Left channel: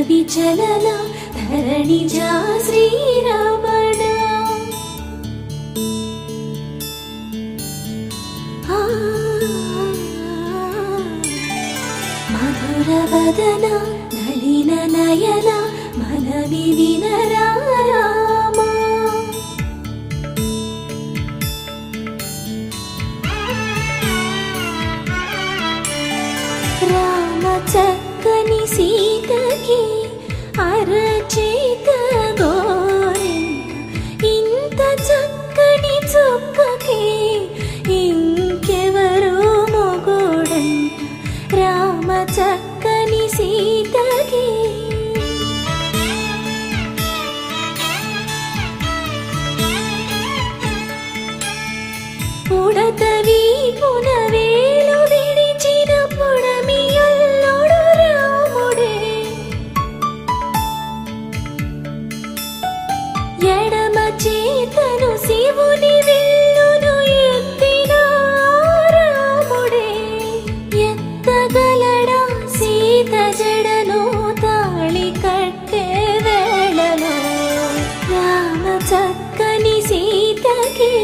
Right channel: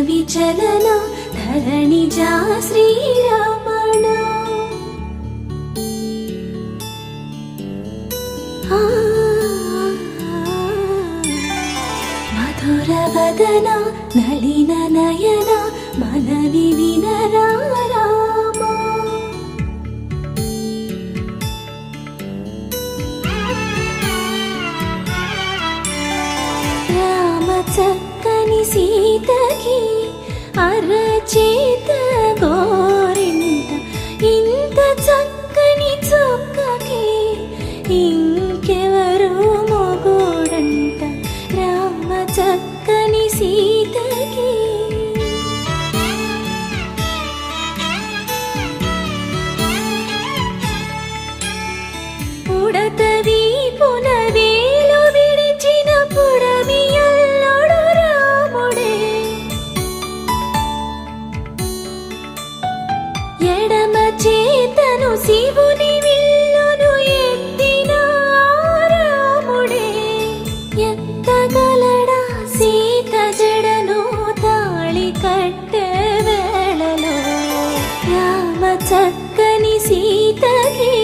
विचलन धरणिजा श्रीरमण मधुरवदन नलिन नयन मनवि विनरा చక్కని సీతకి అరచేత గోరింట ఇంత చక్కని చుక్కకి ఇంకెవరు మొగుడంట రామ చక్కని సీతకి ఉడతవి పునవేలు విడిచిన పుడమియల్లోడు రాముడే ఎడమ చేతను శివుని విల్లును ఎత్తిన రాముడే ఎత్తగలడా సీత జడను తాళి కట్టే వేళలో రామ చక్కని సీతకి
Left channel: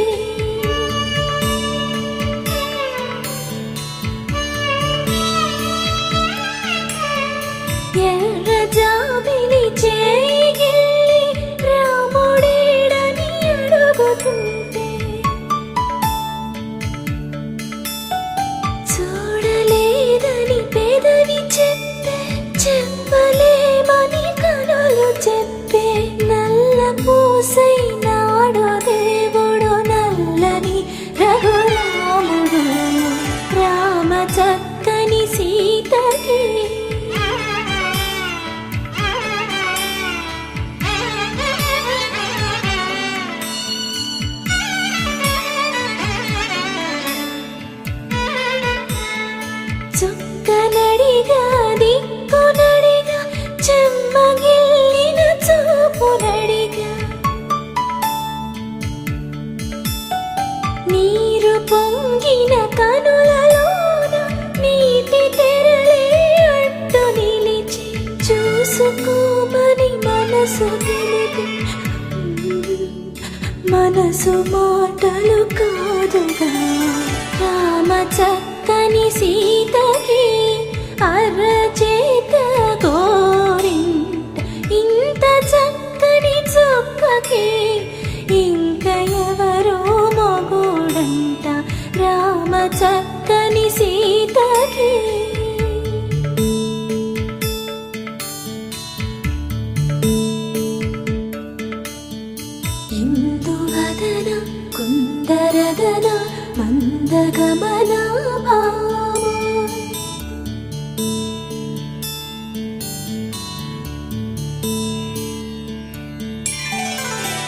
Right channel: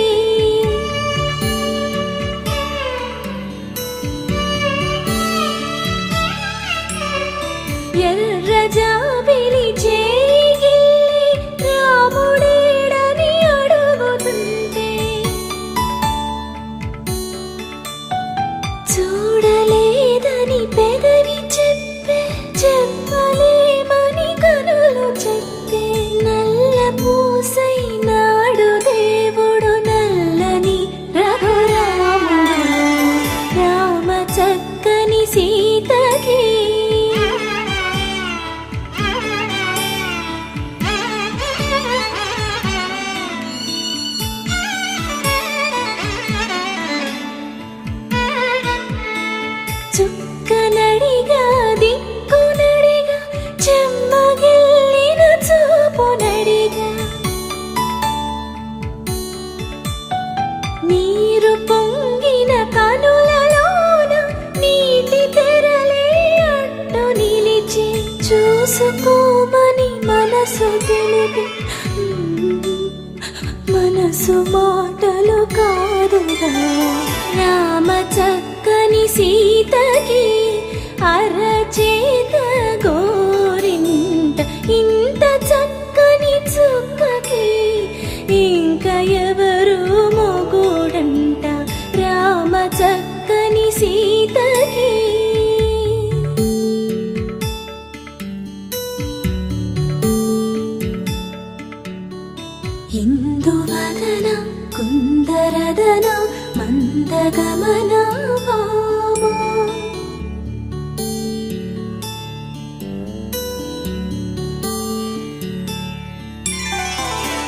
ఎర్ర జాబిలి చేయి రాముడేడని అడుగుతుంటే చూడలేదని పెదవి చెప్పే చెప్పలేమని కనులు చెప్పే నల్ల పూసైనాడు దేవుడు నల్లని రఘురాముడు రామ చక్కని సీతకి చుక్కనడిగా దిక్కునడిగా చెమ్మగిల్లిన చూపునడిగా నీరు పొంగిన కనులలోన నీటి తెరలే అడ్డు నిలిచి చూసుకోమని మనసు తెలుగు మనసు బాటలు కాదుగా రామ చక్కని సీతకి అరచేత గోరింట ఇంత చక్కని చుక్కకి ఇంక ఎవరు మొగుడంట రామ చక్కని సీతకి ఇందువదన కుందరదన మందగమన భామా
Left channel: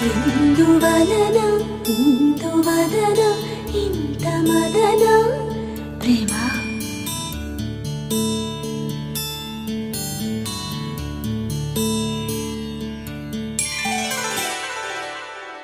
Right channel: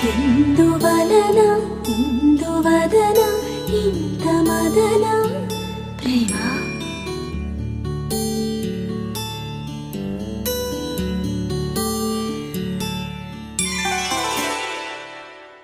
ఇందువలన ఇందువదన ఇంత